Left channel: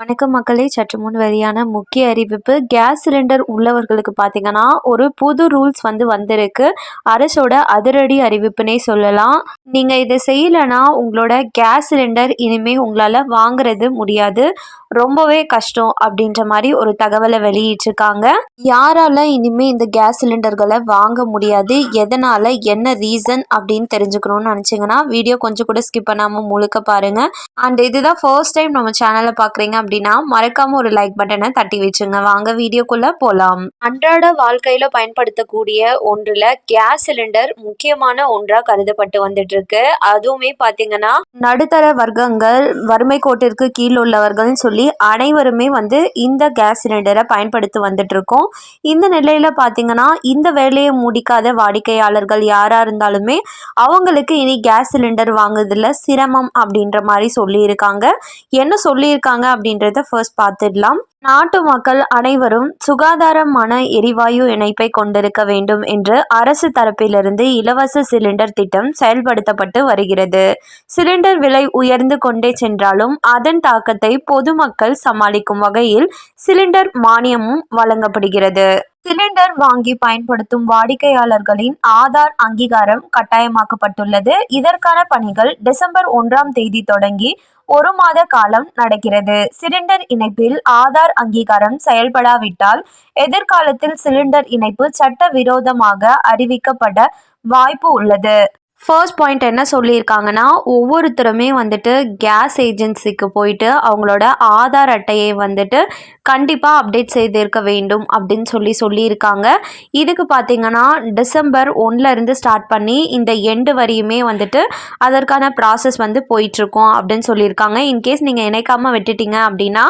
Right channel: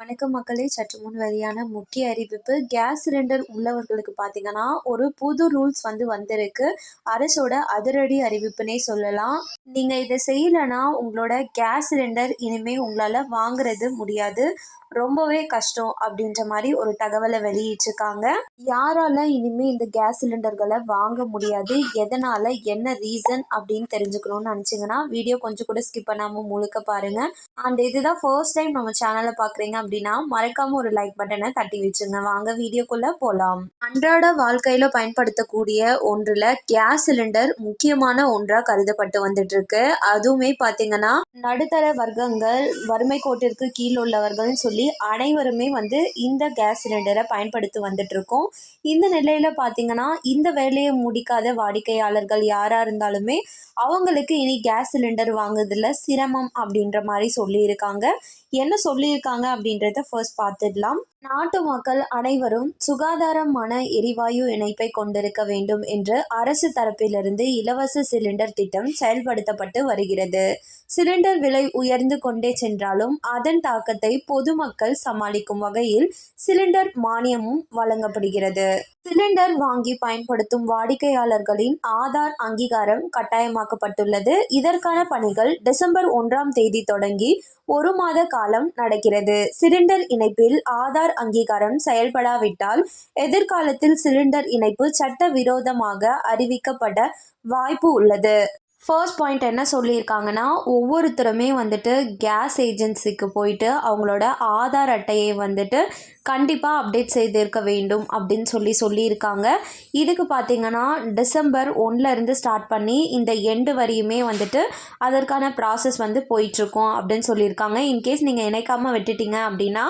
வணக்கம் மக்களே. சற்று முன் வெளியான முக்கிய அறிவிப்பு. கேஸ் சிலிண்டர் உள்ளவர்களுக்கு பார்த்தீங்கன்னா ஒரு புது ரூல்ஸ் வந்து வந்திருக்கு. அரசோட அதிரடி அறிவிப்புனே சொல்லலாம். நீங்கள் இதை செய்யலைன்னா உங்களோட கேஸ் சிலிண்டர் இனிமேல் உங்களால் வாங்குறது முடியாது. ரொம்பவே கஷ்டம் அப்படின்ற மாதிரி ஒரு தகவலை வெளியிட்டிருக்காங்க. யாரால இனிமே இந்த கேஸ் சிலிண்டர்களை வாங்க முடியாது? எதனால? என்ன ரீசன்? அப்படின்னு தெரிஞ்சுக்கணும்னு நினச்சிங்கன்னா வீடியோ கொஞ்சம் கூட ஸ்கிப் பண்ணாமல் முழுக்க பாருங்க. அண்ட் இதுதான் ஃபர்ஸ்ட் டைம் நம்ம சேனலை பார்க்குறீங்க அப்படின்னா மறக்காம ஒரு லைக் பட்டனை தட்டி வச்சுங்க வாங்க வீடியோக்குள்ள போகலாம் அன்றாட வாழ்க்கையில பயன்படுத்தக்கூடிய ஒன்றுல கேஸ் சிலிண்டர் முக்கியமான ஒன்றா கருதப்பட்டு வந்துட்டு இருக்கு அதுவுமே பார்த்தீங்கன்னா நடுத்தர வர்க்கங்கள் வறுமை கோட்டிற்கு கீழ் உள்ளவர்கள்னு சொல்லி சொல்லி அனைவருமே வந்து இந்த கேஸ் சிலிண்டரை பயன்படுத்தி வந்துட்ருக்கோம் இந்த நிலையில் பார்த்தீங்கன்னா இந்த வேலையை முடிக்காத வாடிக்கையாளர்கள் யாராக இருந்தாலுமே அவங்களுக்கு இனி கேஸ் சிலிண்டர் வாங்குறதுல சிரமம் அப்படின்ற மாதிரி சொல்லியிருக்காங்க. என்ன சொல்லியிருக்காங்க அப்படின்றத ஃபர்ஸ்ட் பார்த்துடலாம் நாட்டு மக்கள் அனைவரும் சுகாதாரமான எரிவாயு இணைப்பை கொண்டிருக்க வேண்டும் என்று அரசு தரப்பிலிருந்து இலவச சிலிண்டர் திட்டம் செயல்படுத்தப்பட்டு வருகிறது. சிலிண்டர் விலை உயர்ந்து கொண்டே சென்றாலும் அதன் தாக்கத்தை பொதுமக்கள் சமாளிக்கும் வகையில் சிலிண்டர் மானியமும் வழங்கப்படுகிறது. சிலிண்டர் வாங்கி பயன்படுத்தும் வாடிக்கையாளர்களின் ஆதார் அங்கீகாரம் கட்டாயமாக்கப்பட்டுள்ளது. இதற்கான பணிகள் டிசம்பர் ஒன்றாம் தேதி தொடங்கி ஒரு மாத காலம் நடக்கிறது. சிலிண்டர் இணைப்பில் ஆதார் அங்கீகாரம் செயல்படாவிட்டால் எதிர்காலத்தில் சிலிண்டர் இணைப்பு சட்ட விரோதமாக அறிவிக்கப்பட வாய்ப்பு உள்ளது. ஃபர்ஸ்ட் பாயிண்ட் என்ன சொல்லியிருக்காங்கன்னா ஒவ்வொருத்தருமே வந்துட்டு கேஸ் ஏஜென்சிக்கு போயிட்டு அவங்களோட ஆதார் அட்டையை வந்துட்டு கண்டிப்பாக அப்டேட் செய்திருக்க வேண்டும் அப்படின்னு சொல்லி சொல்லியிருக்காங்க. இதுக்கு பார்த்தீங்கன்னா டிசம்பர் ஒன்லேருந்து ஸ்டார்ட் பண்ணி இந்த எண்டு வரையுமே வந்துட்டு அதற்கான ப்ராசஸ் வந்து போயிட்டுருக்கோம் அப்படின்னு சொல்லியிருக்காங்க. இன்கேஸ் நீங்கள் இணைக்காமல் விட்டுட்டீங்க அப்படின்னா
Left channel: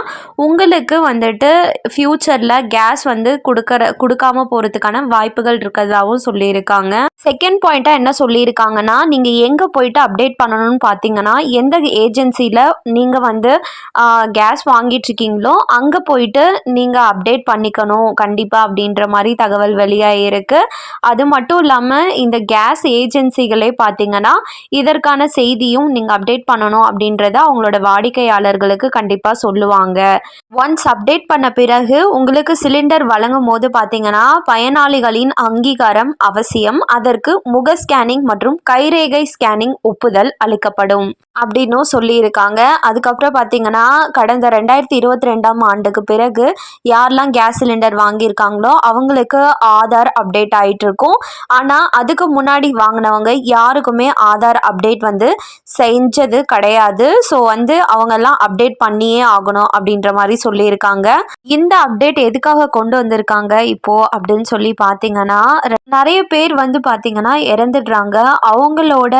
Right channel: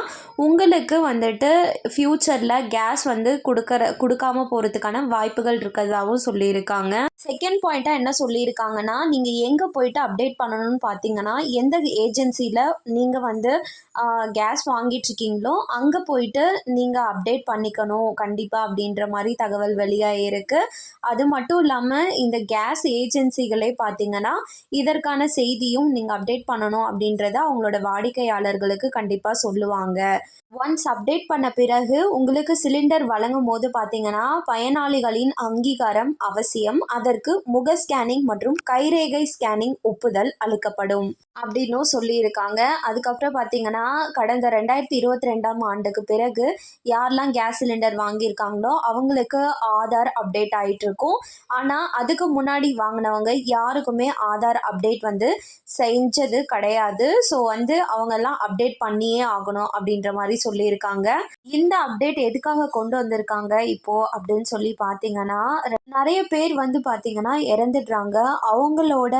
உங்களுக்கு வந்துட்டு ஃப்யூச்சரில் கேஸ் வந்து கொடுக்குற கொடுக்காம போகிறதுக்கான வாய்ப்புகள் இருக்கிறதாகவும் சொல்லியிருக்காங்க. செகண்ட் பாயிண்ட்டாக என்ன சொல்லியிருக்காங்கன்னா நீங்கள் எங்கே போயிட்டு அப்டேட் பண்ணணும்னு பார்த்தீங்கன்னா எந்த ஏஜென்சியில் நீங்கள் வந்து கேஸ் வாங்கிட்டு இருக்கீங்களோ அங்கே போய் போயிட்டு நீங்கள் அப்டேட் பண்ணிக்கணும் கண்டிப்பாக அப்படின்ற மாதிரி தகவல் வெளியாகிருக்கு அது மட்டும் இல்லாமல் இந்த கேஸ் ஏஜென்சிகளே பார்த்தீங்கன்னா இதற்கான செய்தியும் நீங்கள் அப்டேட் பண்ணணும் அப்படின்றத அவங்களோட வாடிக்கையாளர்களுக்கு கண்டிப்பாக சொல்லுவாங்க. ஒன்ஸ் அப்டேட் பண்ண பிறகு உங்களுக்கு சிலிண்டர் வழங்கும் போது பார்த்தீங்கன்னா பயனாளிகளின் அங்கீகாரம் அவசியம். அதற்கு முக ஸ்கேனிங் மற்றும் கைரேகை ஸ்கேனிங் ஒப்புதல் அளிக்கப்படும். அப்படின்னும் சொல்லியிருக்காங்க. அதுக்கப்புறம் பார்த்தீங்கன்னா கடந்த ரெண்டாயிரத்தி இருபத்தி ரெண்டாம் ஆண்டுக்கு பிறகு யாரெல்லாம் கேஸ் சிலிண்டர் வாங்கியிருக்காங்களோ அவங்களுக்கு ஆதார் அப்டேட் ஆகிட்டு இருக்கும் ஆனால் அதுக்கு முன்னாடி வாங்கினவங்க யாருக்குமே ஆதார் அப்டேட் வந்து செஞ்சது கிடையாது. ஸோ வந்து அவங்கெல்லாம் அப்டேட் பண்ணியே ஆகணும் அப்படின்ற மாதிரி சொல்லியிருக்காங்க. இந்த அப்டேட் எதுக்காக கொண்டு வந்திருக்காங்க இப்போது அப்படின்னு சொல்லி பார்த்தீங்கன்னா நிறைய பேர் வந்து பார்த்தீங்கன்னா இறந்துடுறாங்க. அவங்களோட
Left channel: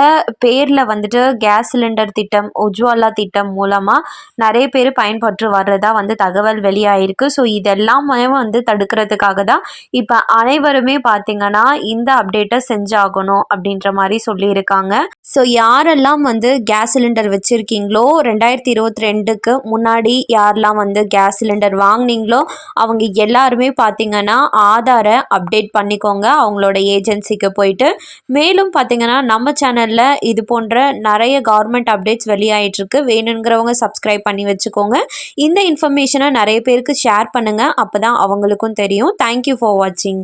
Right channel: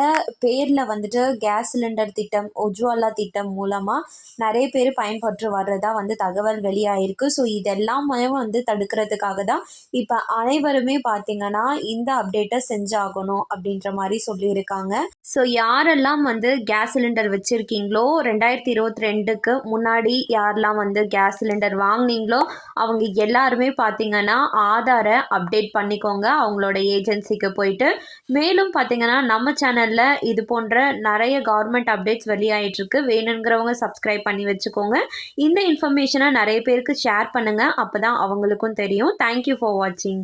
பேரில் வந்துட்டு கேஸ் சிலிண்டர் திட்டம் உஜ்வாலா திட்டம் மூலமாக நிறைய பேர் பயன்பற்று வர்றதா வந்து தகவல் வெளி வெளியாயிருக்கு ஸோ இதெல்லாமே வந்து தடுக்கிறதுக்காக தான் இப்போ அனைவருமே பார்த்தீங்கன்னா இந்த அப்டேட்டை செஞ்சாகணும் அப்படின்ற மாதிரி சொல்லியிருக்காங்க. ஸோ யாரெல்லாம் வந்து கேஸ் சிலிண்டர் வச்சுருக்கீங்களோ ரெண்டாயிரத்தி இருபத்தி ரெண்டுக்கு முன்னாடி யாரெல்லாம் வந்து கேஸ் சிலிண்டர் வாங்கினீங்களோ அவங்க எல்லாருமே பார்த்தீங்கன்னா ஆதாரை அப்டேட் பண்ணிக்கோங்க. அவங்களோட ஏஜென்சிக்கு போயிட்டு. மேலும் பார்த்தீங்கன்னா நம்ம சேனலில் இது போன்ற நிறைய கவர்மெண்ட் அப்டேட்ஸ் வெளியாயிட்டிருக்கு வேணுங்கிறவங்க சப்ஸ்கிரைப் பண்ணி வச்சுக்கோங்க. இந்த இன்ஃபர்மேஷனை நிறைய பேர் பேருக்கு ஷேர் பண்ணுங்கள் அப்போ தான் அவங்களுக்கும் தெரியும். தேங்க்யூ ஃபார் வாட்சிங்